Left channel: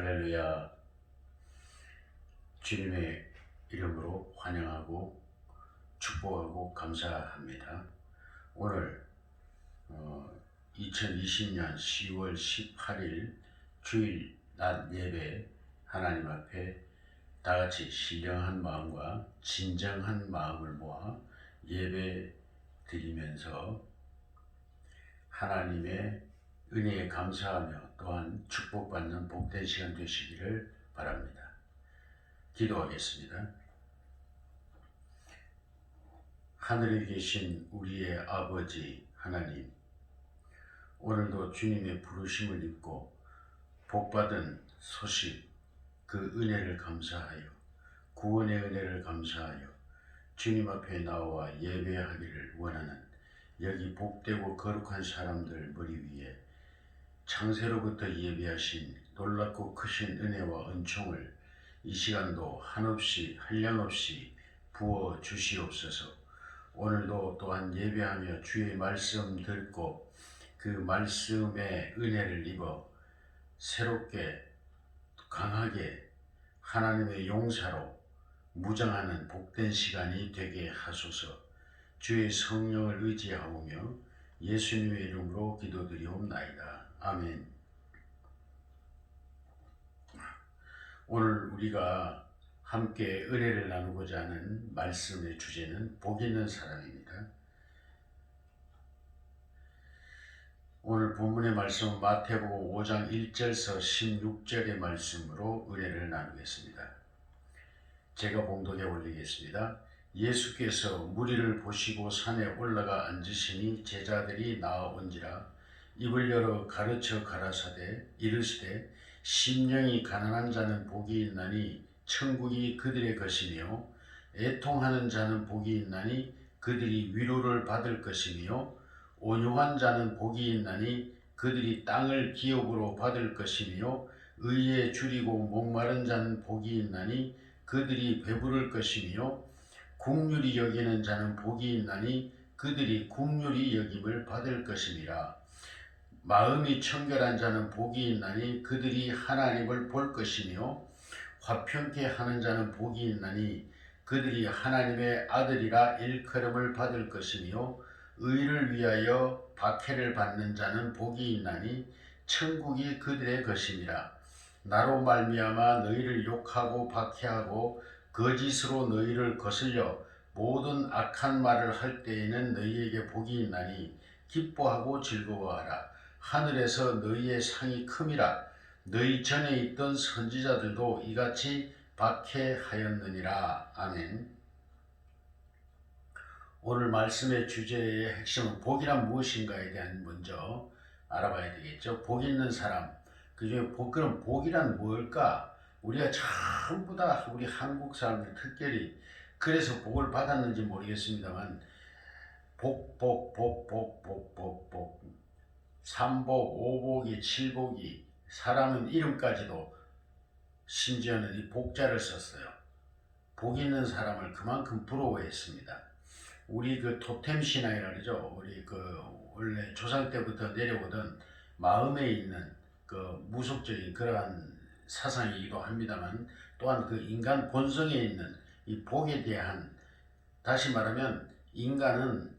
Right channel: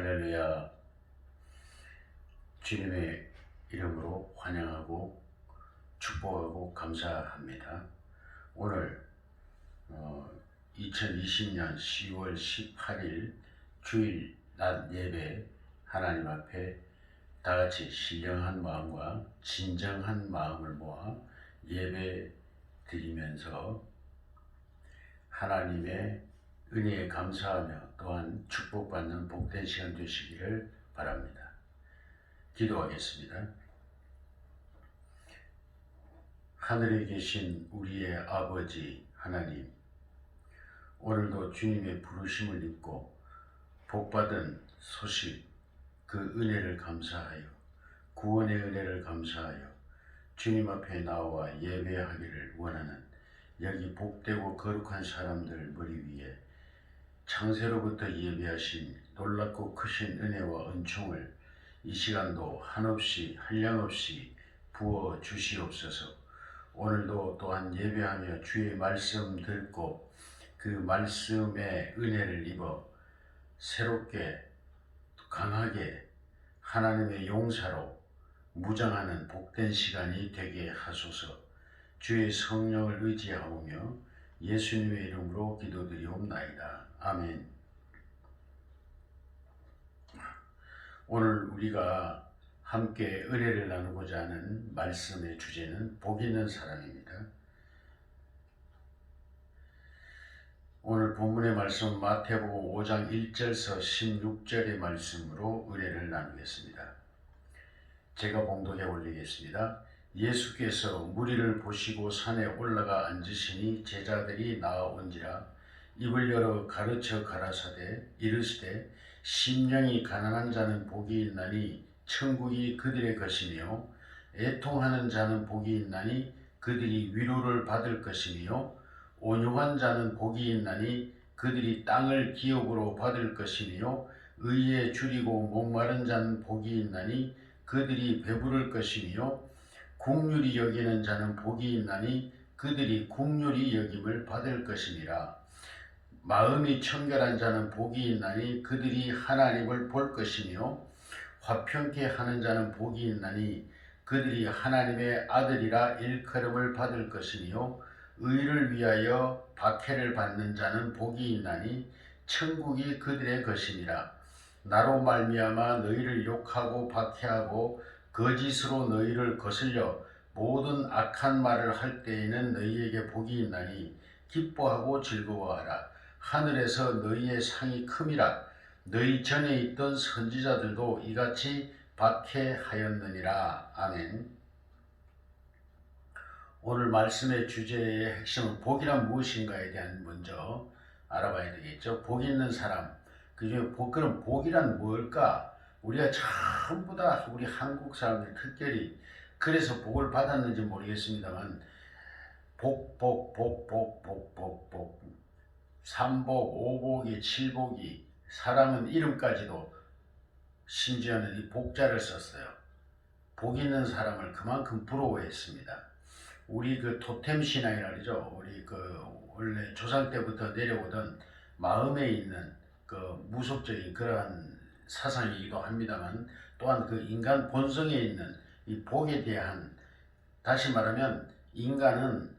할렐루야. 주님의 이름으로 환영하고 축복하고 감사합니다. 오늘 2020년 10월 18일 주일 낮 예배 하나님 앞에 다같이 신령한 마음과 진정한 마음을 모아 예배 드리면서 하나님의 은혜에 감사하며 또한 축복받는 복된 시간 되시기를 바랍니다. 기도하겠습니다. 하늘에 계신 우리의 아버지 하나님, 오늘도 주님의 부르심을 입고 복받은 소식, 그 은혜를 감사하여 구원의 은혜를 감사하여 주님 앞에 나와 예배하기를 원하는 여기 복되고 거룩한 사람들 머리 위에 창세로부터 예비하신 놀랍고 크신 은혜와 은총을 이 시간도 한없이 한량없이 부어 주시옵소서. 오늘도 또한 예배하며 주의 말씀 듣고 그 말씀의 은혜를 입어 새롭게 강하게 하나님의 용사로 무장하는 복된 시간이 되게 하소서. 주의 성령을 의지하오며 예수님의 이름으로 기도드리옵나이다. 아멘. 오늘 우리가 함께 은혜를 나누고자 하는 말씀의 주제는 복 있는 사람입니다. 오늘 본문의 말씀은 마태복음 5장 1절에서 16절의 말씀으로 은혜를 나누겠습니다. 제가 봉독해 올리겠습니다. 예수께서 무리를 보시고 산에 올라가 앉으시니 제자들이 나아온지라 입을 열어 가르쳐 가라사대 이르시되 심령이 가난한 자는 복이 있나니 천국이 그들의 것이며 애통하는 자는 복이 있나니 그들이 위로를 받을 것이며 온유한 자는 복이 있나니 그들이 땅을 기업으로 받을 것이며 의에 줄이고 목마른 자는 복이 있나니 그들이 배부를 것이며 긍휼히 여기는 자는 복이 있나니 그들이 긍휼히 여김을 받을 것이니라. 마음이 청결한 자는 복이 있나니 그들이 하나님을 볼 것이며 화평케 하는 자는 복이 있나니 그들이 하나님의 아들이라 일컬음을 받을 것이며 의를 위하여 박해를 받는 자는 복이 있나니 천국이 그들의 것이니라. 나로 말미암아 너희를 욕하고 박해하고 거짓으로 너희를 거슬려 모든 악한 말을 할 때에는 너희에게 복이 있나니 기뻐하고 즐거워하라. 하늘에서 너희의 상이 큼이라. 너희 전에 있던 선지자들도 이같이 박해하였느니라. 아멘. 오늘 말씀의 주제의 핵심은 복이란 무엇인가에 대한 먼저 알아봐야 되겠죠. 복 있는 사람, 그중에 그럼 복이란 뭘까? 우리가 전부 다 우리 한국 사람들 특별히 그래서 복을 받았는지 모르겠습니다만 복 삼복, 오복이, 칠복이 사람은 이름까지도 심지어는 이 복자를 썼어요. 복 있는 사람을 그만큼 부러워했습니다. 우리 그 토템 신앙이라 그러죠. 우리 그 원래 조상 때부터 내려오던 마음에 있는 그 무속적인 그러한 사상이기도 합니다만 또한 그 인간 본성에 있는 이 복에 대한, 다시 말하면 인간은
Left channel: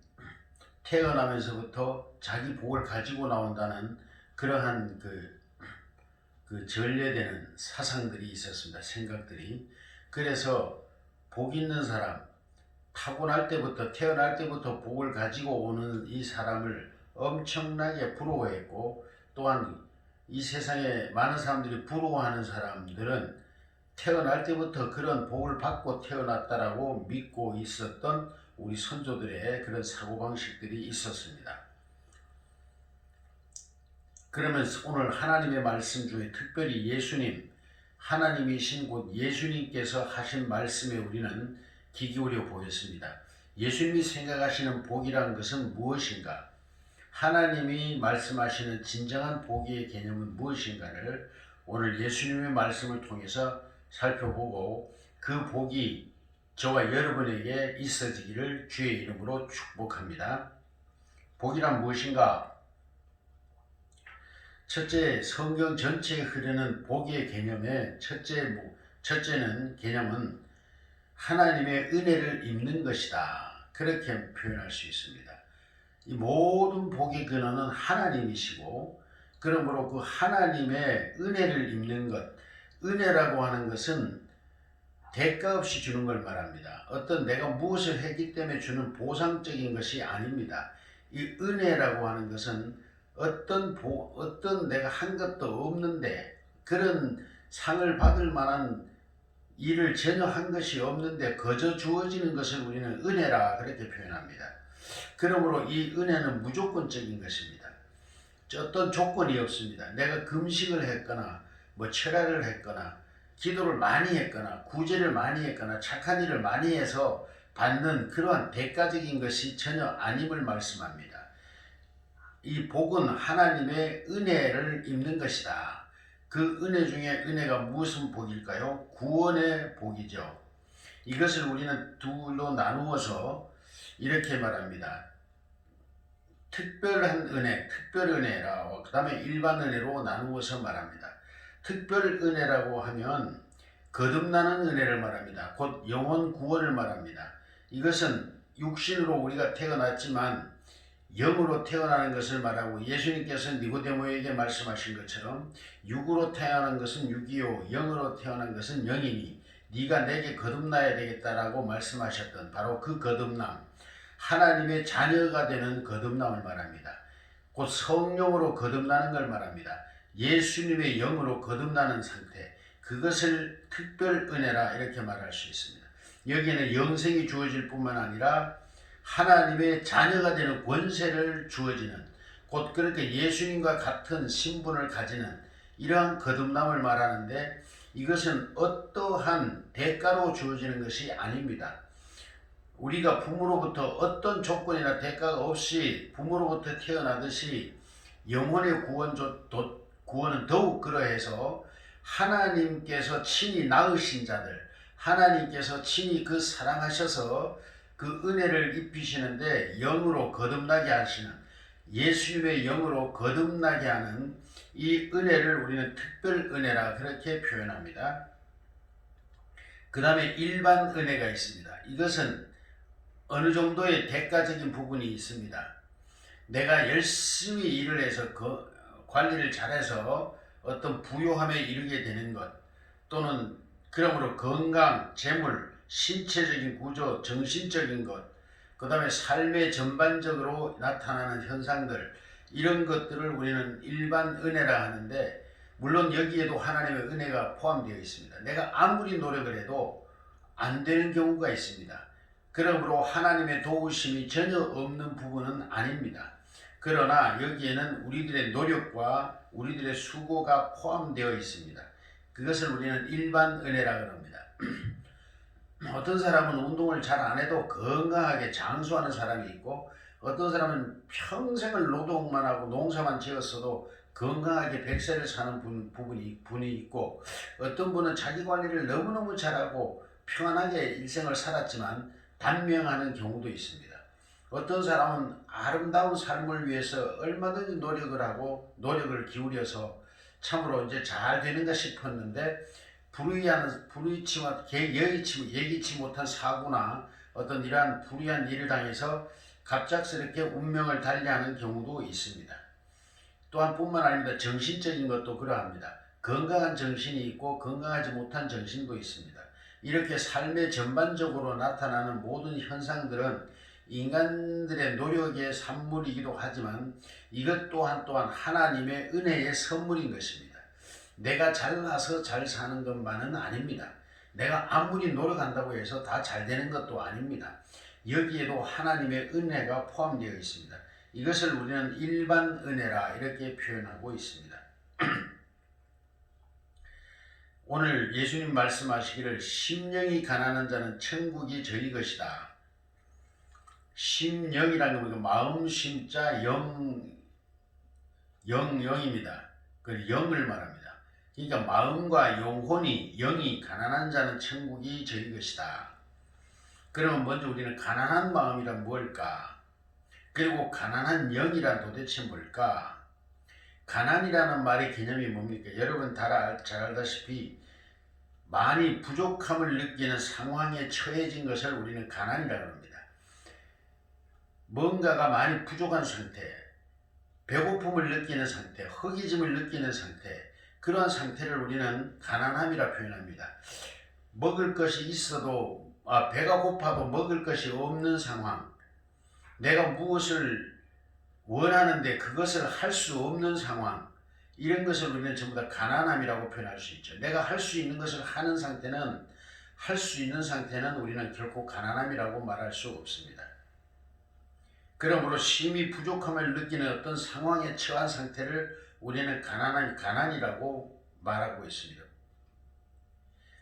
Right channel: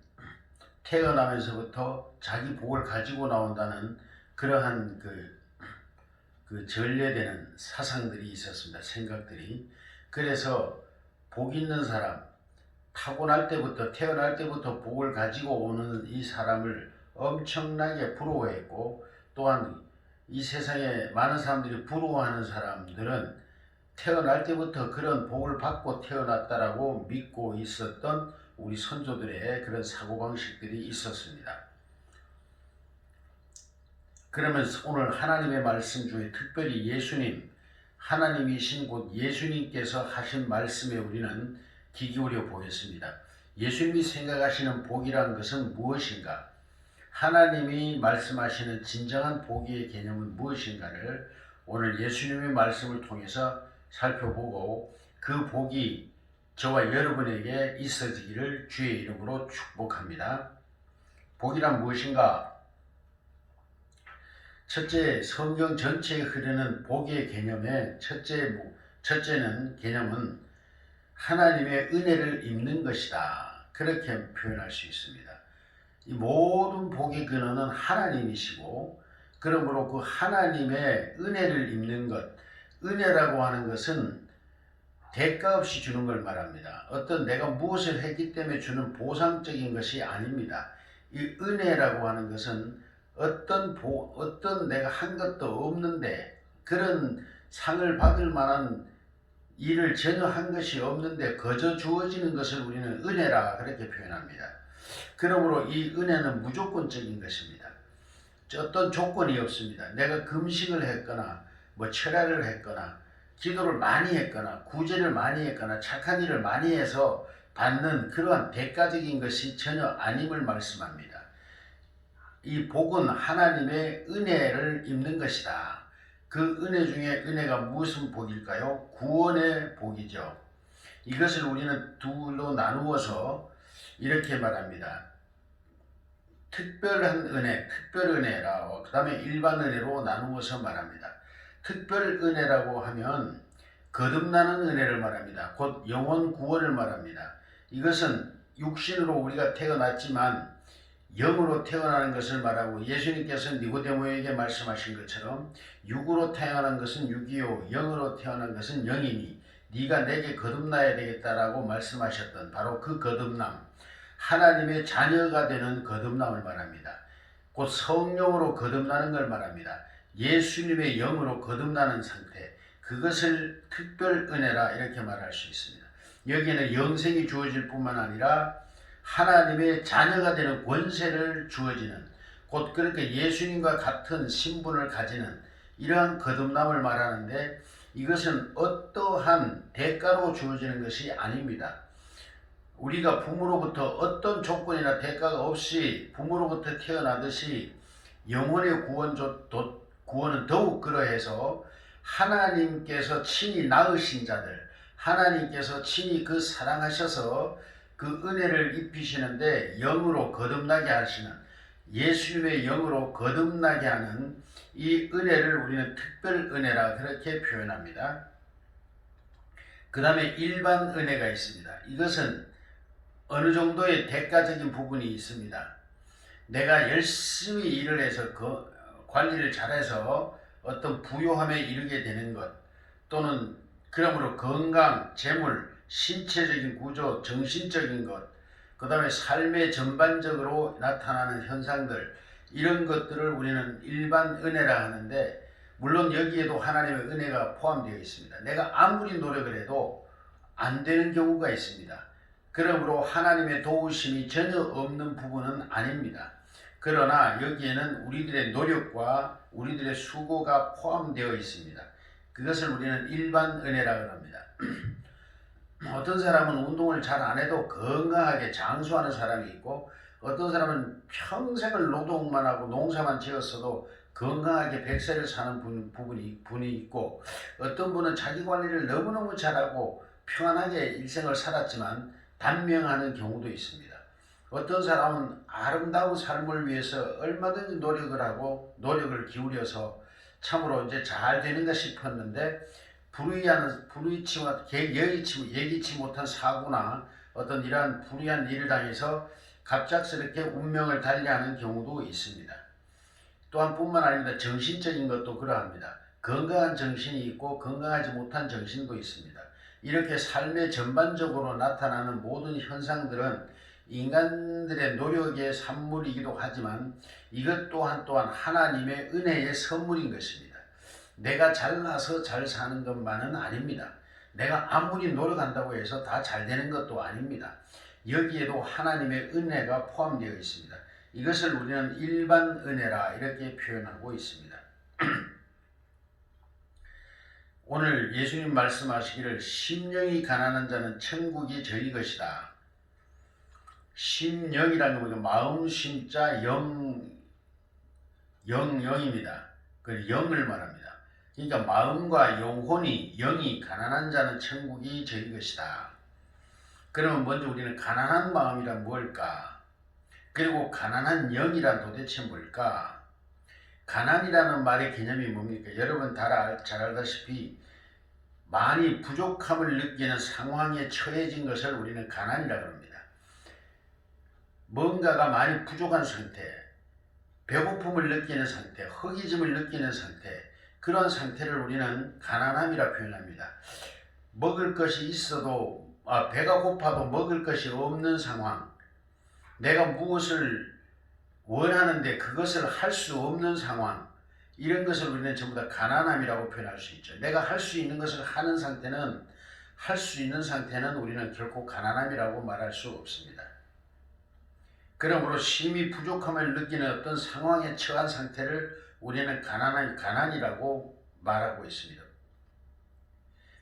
태어나면서부터 자기 복을 가지고 나온다는 그러한 그 전래되는 사상들이 있었습니다. 생각들이. 그래서 복 있는 사람, 타고날 때부터 태어날 때부터 복을 가지고 오는 이 사람을 엄청나게 부러워했고, 또한 이 세상에 많은 사람들이 부러워하는 사람들은 태어날 때부터 그런 복을 받고 태어났다라고 믿고 있었던 우리 선조들의 그런 사고방식들이 있었습니다. 그러면 오늘 하나님의 말씀 중에 특별히 예수님, 하나님이신 곧 예수님께서 하신 말씀에 우리는 귀 기울여 보겠습니다. 예수님이 생각하시는 복이란 것은 무엇인가? 하나님이 말씀하시는 진정한 복의 개념은 무엇인가를 오늘 예수님의 말씀을 통해서 살펴보고 그 복이 저와 여러분에게 있어지기를 주의 이름으로 축복합니다. 복이란 무엇인가? 첫째, 성경 전체에 흐르는 복의 개념의 첫째는 개념은 하나님의 은혜를 입는 것이다. 그렇게 표현할 수 있습니다. 이 모든 복의 근원은 하나님이시고, 그러므로 그 하나님의 은혜를 입는 것, 은혜라고 하는 것은 대가 없이 주는 걸 말합니다. 어떤 내가 무엇을 했기 때문에 주는 보상적인 것이 아닙니다. 이 은혜라고 하는 것은 어떤 내가 한 것도 없는데, 그런 상을 받을 만한 일을 전혀 한 것이 없는데 거저 주어지는 것을 우리는 은혜라 그렇게 표현합니다. 그러므로 이 은혜는 무조건적인 것입니다. 어떤 조건이 없습니다. 내가 금식을 했거나 철야를 했거나 기도를 많이 했거나 구제를 많이 했거나 착한 일을 많이 해서 받는 그러한 대가적인 것이 전혀 아님을 말씀합니다. 이 복은 하나님의 은혜를 입는 것이다. 그 은혜 중에 은혜가 무슨 복일까요? 구원의 복이죠. 이것을 우리는 둘로 나누어서 이렇게 말합니다. 특별한 은혜, 특별 은혜라, 그 다음에 일반 은혜로 나누어서 말합니다. 특별 은혜라고 하면 거듭나는 은혜를 말합니다. 곧 영혼 구원을 말합니다. 이것은 육신으로 우리가 태어났지만 영으로 태어나는 것을 말하고, 예수님께서 니고데모에게 말씀하신 것처럼 육으로 태어난 것은 육이요 영으로 태어난 것은 영이니 네가 내게 거듭나야 되겠다라고 말씀하셨던 바로 그 거듭남, 하나님의 자녀가 되는 거듭남을 말합니다. 곧 성령으로 거듭나는 걸 말합니다. 예수님의 영으로 거듭나는 상태, 그것을 특별 은혜라 이렇게 말할 수 있습니다. 여기에는 영생이 주어질 뿐만 아니라 하나님의 자녀가 되는 권세를 주어지는, 곧 그렇게 예수님과 같은 신분을 가지는 이러한 거듭남을 말하는데, 이것은 어떠한 대가로 주어지는 것이 아닙니다. 우리가 부모로부터 어떤 조건이나 대가가 없이 부모로부터 태어나듯이 영혼의 구원은 더욱 그러해서 하나님께서 친히 낳으신 자들, 하나님께서 친히 그 사랑하셔서 그 은혜를 입히시는데 영으로 거듭나게 하시는, 예수님의 영으로 거듭나게 하는 이 은혜를 우리는 특별 은혜라 그렇게 표현합니다. 그 다음에 일반 은혜가 있습니다. 이것은 어느 정도의 대가적인 부분이 있습니다. 내가 열심히 일을 해서 관리를 잘해서 어떤 부요함에 이르게 되는 것, 또는 그러므로 건강, 재물, 신체적인 구조, 정신적인 것, 그 다음에 삶의 전반적으로 나타나는 현상들, 이런 것들을 우리는 일반 은혜라 하는데, 물론 여기에도 하나님의 은혜가 포함되어 있습니다. 내가 아무리 노력을 해도 안 되는 경우가 있습니다. 그러므로 하나님의 도우심이 전혀 없는 부분은 아닙니다. 그러나 여기에는 우리들의 노력과 우리들의 수고가 포함되어 있습니다. 그것을 우리는 일반 은혜라고 합니다. 어떤 사람은 운동을 잘 안 해도 건강하게 장수하는 사람이 있고, 어떤 사람은 평생을 노동만 하고 농사만 지었어도 건강하게 100세를 사는 분이 있고, 어떤 분은 자기 관리를 너무너무 잘하고 평안하게 일생을 살았지만 단명하는 경우도 있습니다. 어떤 사람은 아름다운 삶을 위해서 얼마든지 노력을 하고 노력을 기울여서 참으로 이제 잘 되는가 싶었는데, 예기치 못한 사고나 어떤 이러한 불의한 일을 당해서 갑작스럽게 운명을 달리하는 경우도 있습니다. 또한 뿐만 아니라 정신적인 것도 그러합니다. 건강한 정신이 있고 건강하지 못한 정신도 있습니다. 이렇게 삶의 전반적으로 나타나는 모든 현상들은 인간들의 노력의 산물이기도 하지만 이것 또한 하나님의 은혜의 선물인 것입니다. 내가 잘나서 잘 사는 것만은 아닙니다. 내가 아무리 노력한다고 해서 다 잘 되는 것도 아닙니다. 여기에도 하나님의 은혜가 포함되어 있습니다. 이것을 우리는 일반 은혜라 이렇게 표현하고 있습니다. 오늘 예수님 말씀하시기를 심령이 가난한 자는 천국이 저희 것이다. 심령이라는 건 마음 심자 영입니다. 그 영을 말합니다. 그러니까 마음과 영혼이 영이 가난한 자는 천국이 저희 것이다. 그러면 먼저 우리는 가난한 마음이란 뭘까? 그리고 가난한 영이란 도대체 뭘까? 가난이라는 말의 개념이 뭡니까? 여러분 잘 알다시피 많이 부족함을 느끼는 상황에 처해진 것을 우리는 가난이라고 합니다. 뭔가가 많이 부족한 상태, 배고픔을 느끼는 상태, 허기짐을 느끼는 상태, 그러한 상태를 우리는 가난함이라 표현합니다. 먹을 것이 있어도 배가 고파도 먹을 것이 없는 상황, 내가 무엇을 원하는데 그것을 할 수 없는 상황, 이런 것을 우리는 전부 다 가난함이라고 표현할 수 있죠. 내가 할 수 있는 것을 하는 상태는, 할 수 있는 상태는 우리는 결코 가난함이라고 말할 수 없습니다. 그러므로 심히 부족함을 느끼는 어떤 상황에 처한 상태를 우리는 가난이라고 말하고 있습니다.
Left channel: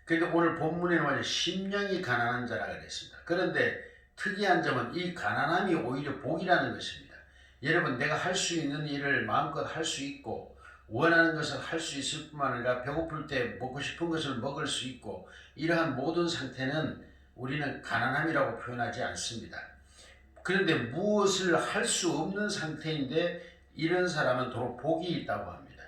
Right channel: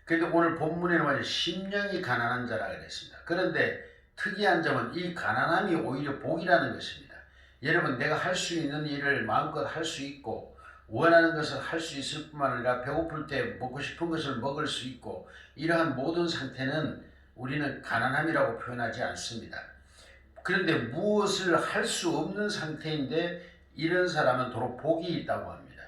그런데 오늘 본문에는 말이죠, 심령이 가난한 자라 그랬습니다. 그런데 특이한 점은 이 가난함이 오히려 복이라는 것입니다. 여러분, 내가 할 수 있는 일을 마음껏 할 수 있고 원하는 것을 할 수 있을 뿐만 아니라 배고플 때 먹고 싶은 것을 먹을 수 있고, 이러한 모든 상태는 우리는 가난함이라고 표현하지 않습니다. 그런데 무엇을 할 수 없는 상태인데 이런 사람은 도로 복이 있다고 합니다.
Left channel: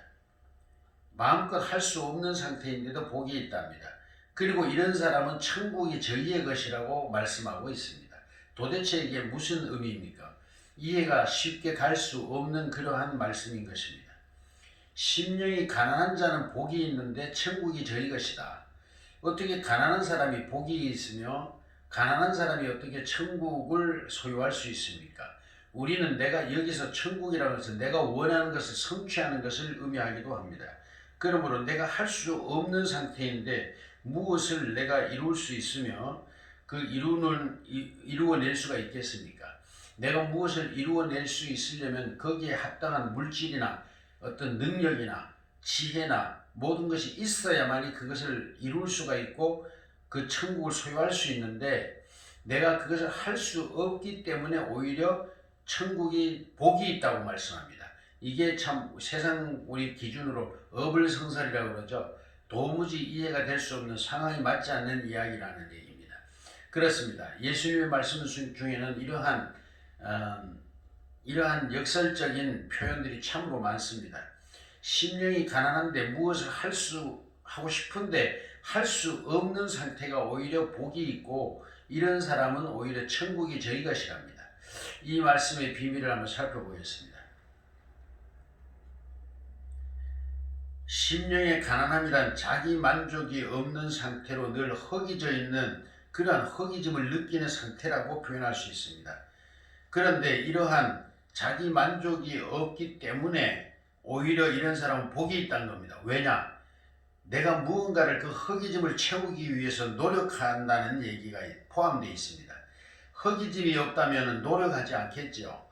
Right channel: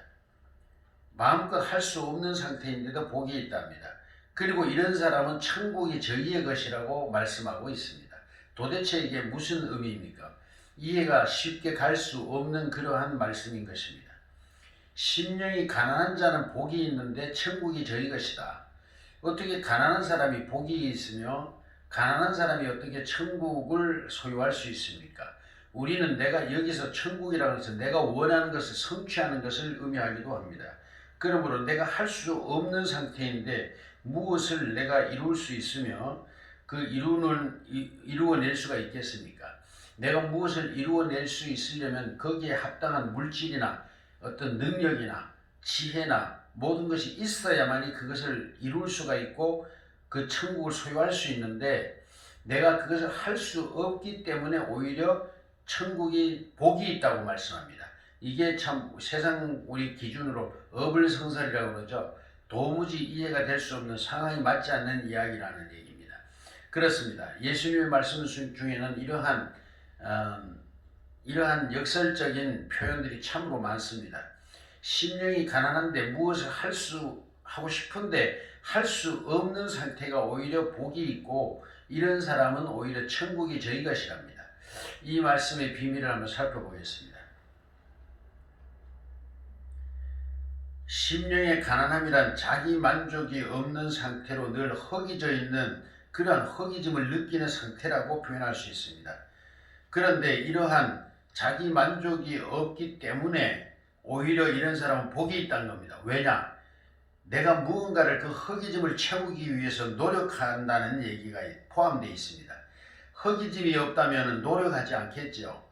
마음껏 할 수 없는 상태인데도 복이 있답니다. 그리고 이런 사람은 천국이 저희의 것이라고 말씀하고 있습니다. 도대체 이게 무슨 의미입니까? 이해가 쉽게 갈 수 없는 그러한 말씀인 것입니다. 심령이 가난한 자는 복이 있는데 천국이 저희 것이다. 어떻게 가난한 사람이 복이 있으며 가난한 사람이 어떻게 천국을 소유할 수 있습니까? 우리는 내가 여기서 천국이라고 해서 내가 원하는 것을 성취하는 것을 의미하기도 합니다. 그러므로 내가 할 수 없는 상태인데 무엇을 내가 이룰 수 있으며 이루어낼 수가 있겠습니까? 내가 무엇을 이루어낼 수 있으려면 거기에 합당한 물질이나 어떤 능력이나 지혜나 모든 것이 있어야만이 그것을 이룰 수가 있고 그 천국을 소유할 수 있는데, 내가 그것을 할 수 없기 때문에 오히려 천국이 복이 있다고 말씀합니다. 이게 참 세상 우리 기준으로 어불성설이라고 그러죠. 도무지 이해가 될 수 없는, 상황이 맞지 않는 이야기라는 얘기입니다. 그렇습니다. 예수님의 말씀 중에는 이러한 역설적인 표현들이 참으로 많습니다. 심령이 가난한데 무엇을 하고 싶은데 할 수 없는 상태가 오히려 복이 있고, 이런 사람은 오히려 천국이 저희 것이랍니다. 이 말씀의 비밀을 한번 살펴보겠습니다. 심령의 가난함이란 자기 만족이 없는 상태로 늘 허기져 있는 그러한 허기짐을 느끼는 상태라고 표현할 수 있습니다. 그런데 이러한 자기 만족이 없기 때문에 오히려 이런 사람은 복이 있다는 겁니다. 왜냐? 내가 무언가를 그 허기짐을 채우기 위해서 노력한다는 얘기가 포함되어 있습니다. 허기짐이 없다면 노력하지 않겠죠.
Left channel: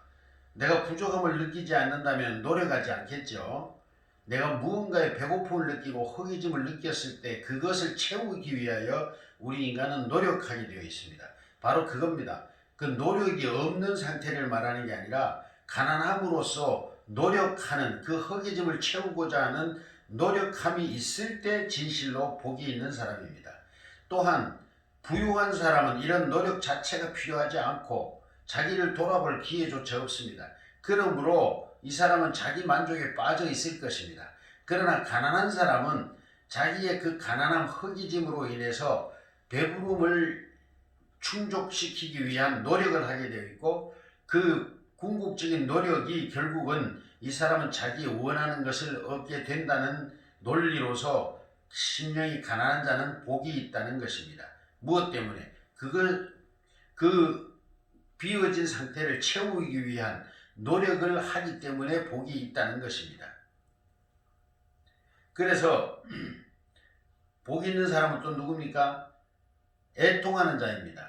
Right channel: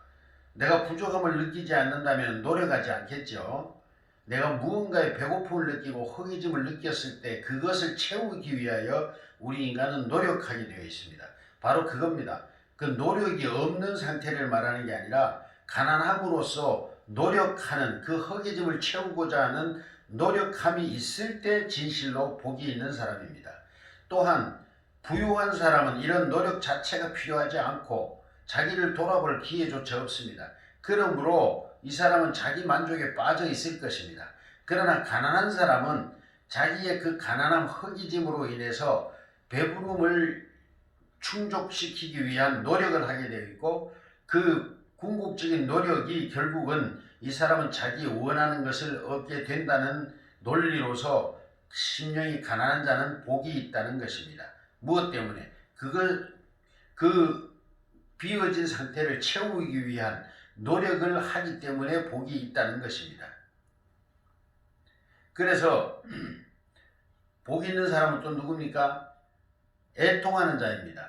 내가 부족함을 느끼지 않는다면 노력하지 않겠죠. 내가 무언가의 배고픔을 느끼고 허기짐을 느꼈을 때 그것을 채우기 위하여 우리 인간은 노력하게 되어 있습니다. 바로 그겁니다. 그 노력이 없는 상태를 말하는 게 아니라 가난함으로써 노력하는, 그 허기짐을 채우고자 하는 노력함이 있을 때 진실로 복이 있는 사람입니다. 또한 부유한 사람은 이런 노력 자체가 필요하지 않고 자기를 돌아볼 기회조차 없습니다. 그러므로 이 사람은 자기 만족에 빠져 있을 것입니다. 그러나 가난한 사람은 자기의 그 가난함, 허기짐으로 인해서 배부름을 충족시키기 위한 노력을 하게 되어 있고, 그 궁극적인 노력이 결국은 이 사람은 자기 원하는 것을 얻게 된다는 논리로서 심령이 가난한 자는 복이 있다는 것입니다. 무엇 때문에? 그 비어진 상태를 채우기 위한 노력을 하기 때문에 복이 있다는 것입니다. 그래서 복 있는 사람은 또 누굽니까? 애통하는 자입니다.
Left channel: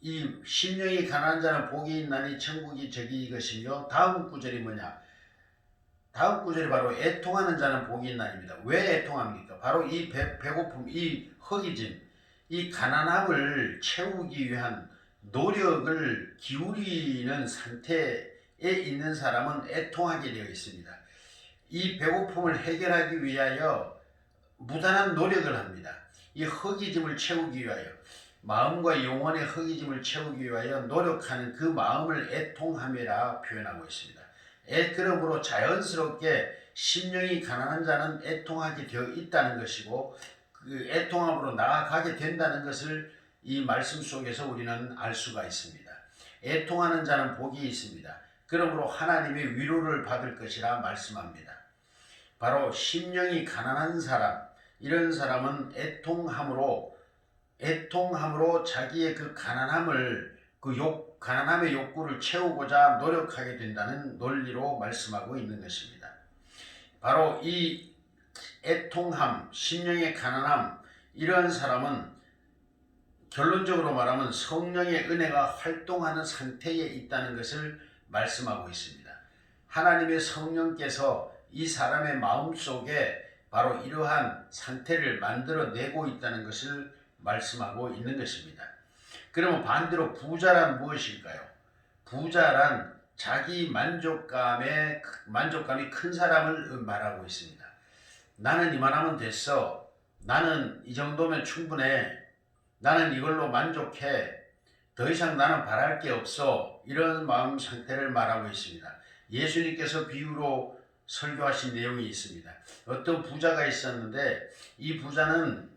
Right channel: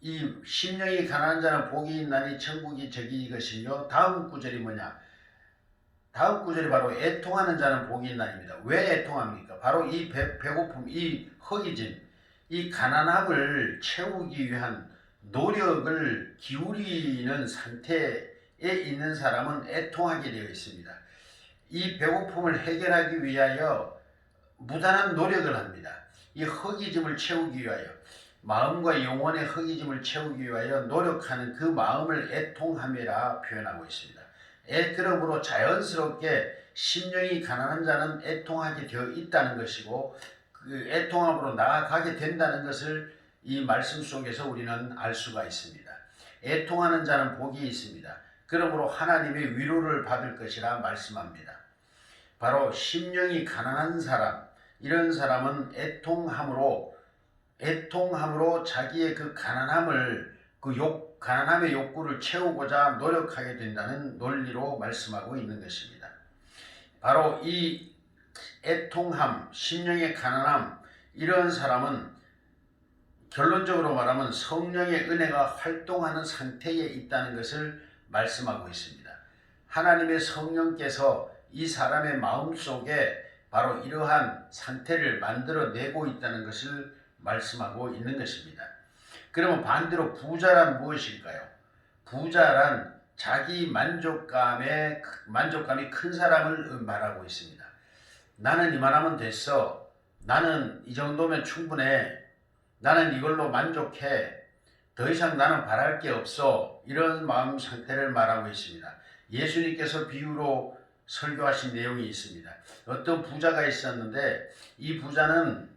이 심령이 가난한 자는 복이 있나니 천국이 저기 것이며, 다음 구절이 뭐냐? 다음 구절이 바로 애통하는 자는 복이 있나입니다. 왜 애통합니까? 바로 이 배고픔, 이 허기짐, 이 가난함을 채우기 위한 노력을 기울이는 상태에 있는 사람은 애통하게 되어 있습니다. 이 배고픔을 해결하기 위하여 무단한 노력을 합니다. 이 허기짐을 채우기 위하여, 마음과 영혼의 허기짐을 채우기 위하여 노력하는 그 마음을 애통함이라 표현하고 있습니다. 그러므로 자연스럽게 심령이 가난한 자는 애통하게 되어 있다는 것이고 그 애통함으로 나아가게 된다는 것을 이 말씀 속에서 우리는 알 수가 있습니다. 애통하는 자는 복이 있습니다. 그러므로 하나님의 위로를 받을 것이라 말씀합니다. 바로 심령이 가난한 사람, 이런 사람은 애통함으로 자기의 그 가난함을 가난함의 욕구를 채우고자 노력하게 된다는 논리로 말씀하고 있는 것입니다. 바로 이 애통함, 심령의 가난함, 이런 사람은 결론적으로 말하면 성령의 은혜가 활동하는 상태에 있다는 것을 말씀하고 있습니다. 하나님의 성령께서 이 사람의 마음속에 바로 이러한 상태를 만들어내고 있다는 것을 말씀하고 있는 것입니다. 그러면 반대로 부자란 무엇일까요? 부자란 자기 만족감이 큰 사람을 말하고 있습니다. 나는 이만하면 됐어. 나는 이 정도면 충분해. 나는 이걸로 만족해. 더 이상 나는 바랄 게 없어. 이런 마음 상태를 말하고 있습니다. 예수님께서 비유로 설교하신 내용이 있습니다. 어떤 부자가 있었는데 이 부자는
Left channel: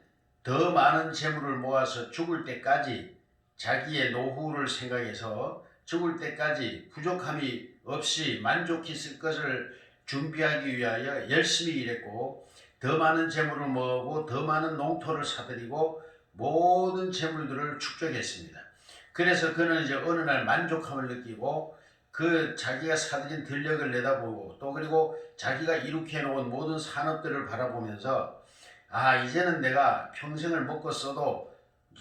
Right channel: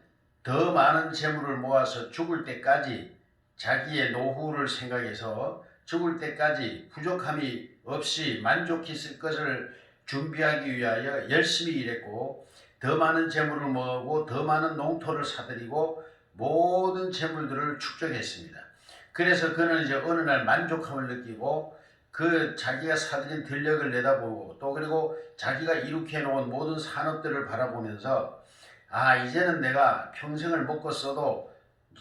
더 많은 재물을 모아서 죽을 때까지 자기의 노후를 생각해서 죽을 때까지 부족함이 없이 만족히 쓸 것을 준비하기 위하여 열심히 일했고 더 많은 재물을 모으고 더 많은 농토를 사들이고 모든 재물들을 축적했습니다. 그래서 그는 이제 어느 날 만족함을 느끼고 그 자기가 사들인 들녘을 내다보고 또 그리고 자기가 이룩해 놓은 모든 산업들을 바라보면서 이제는 내가 평생을 먹고 써도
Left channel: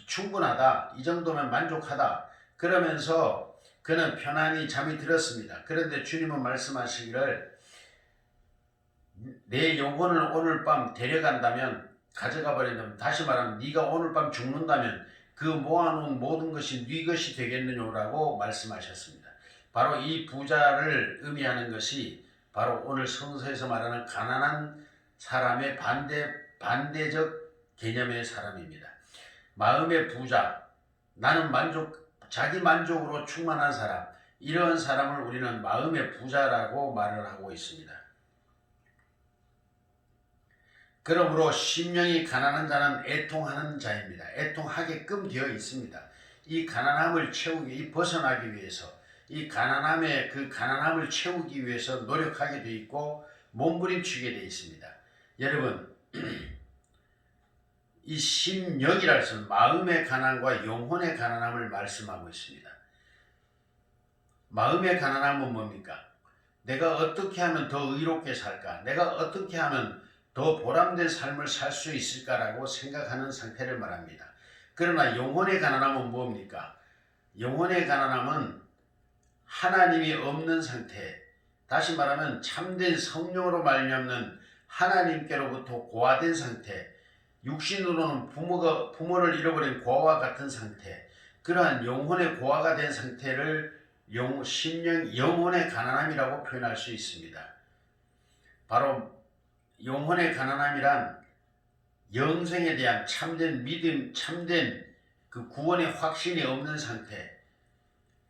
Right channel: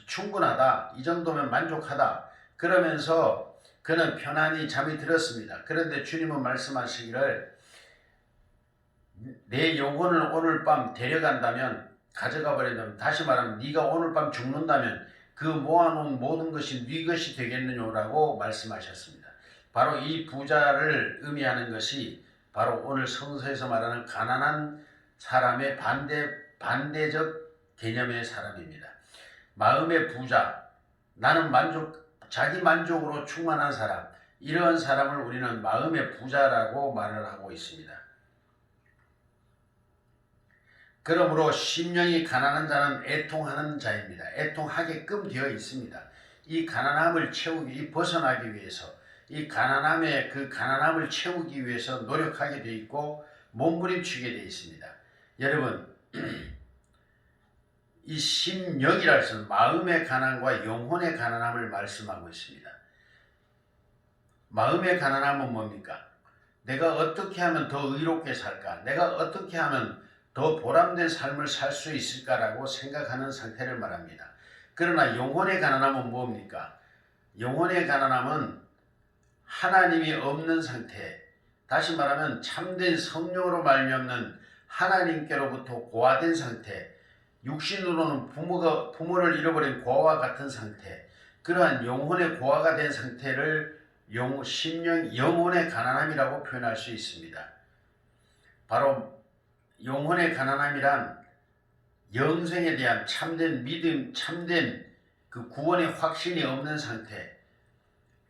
충분하다. 이 정도면 만족하다. 그러면서 그는 편안히 잠이 들었습니다. 그런데 주님은 말씀하시기를 내 영혼을 오늘 밤 데려간다면 가져가 버린다면 다시 말하면 네가 오늘 밤 죽는다면 그 모아놓은 모든 것이 네 것이 되겠느냐라고 말씀하셨습니다. 바로 이 부자를 의미하는 것이 바로 오늘 성서에서 말하는 가난한 사람의 반대적 개념의 사람입니다. 마음의 부자, 나는 자기 만족으로 충만한 사람, 이러한 사람을 우리는 마음의 부자라고 말을 하고 있습니다. 그러므로 심령이 가난한 자는 애통하는 자입니다. 애통하게끔 되어 있습니다. 이 가난함을 벗어나기 위해서, 이 가난함을 채우기 위해서 노력하게 되어 있고 몸부림치게 되어 있습니다. 여러분, 이 심령이라는 것은 마음의 가난과 영혼의 가난함을 말씀하고 있습니다. 마음의 가난함은 뭡니까? 내가 어떻게 하면 더 의롭게 살까? 내가 어떻게 하면 더 보람된 삶을 살 수 있을까라고 생각하는 상태를 말합니다. 그러나 영혼의 가난함은 뭡니까? 영혼의 가난함은 하나님이 없는 상태, 다시 말하면 참된 성령으로 말미암는 하나님께로부터 고아된 상태, 육신으로는 부모를 잃어버린 고아와 같은 상태, 그러한 영혼의 고아가 된 상태를 영혼의 가난함이라고 표현할 수 있습니다. 바로 영혼의 가난함이란 영생에 대한 참된 믿음, 참된 그 구원의 확신이 없는 상태,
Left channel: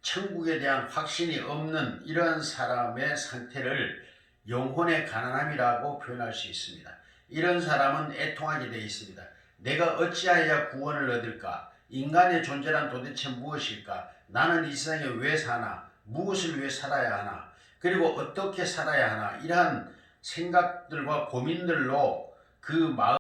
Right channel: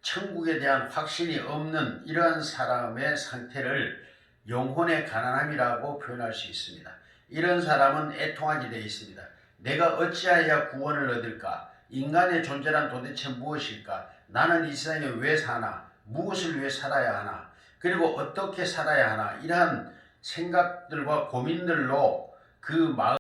천국에 대한 확신이 없는 이러한 사람의 상태를 영혼의 가난함이라고 표현할 수 있습니다. 이런 사람은 애통하게 되어 있습니다. 내가 어찌하여 구원을 얻을까? 인간의 존재란 도대체 무엇일까? 나는 이 세상에 왜 사나? 무엇을 위해 살아야 하나? 그리고 어떻게 살아야 하나? 이러한 생각들과 고민들로 그 마음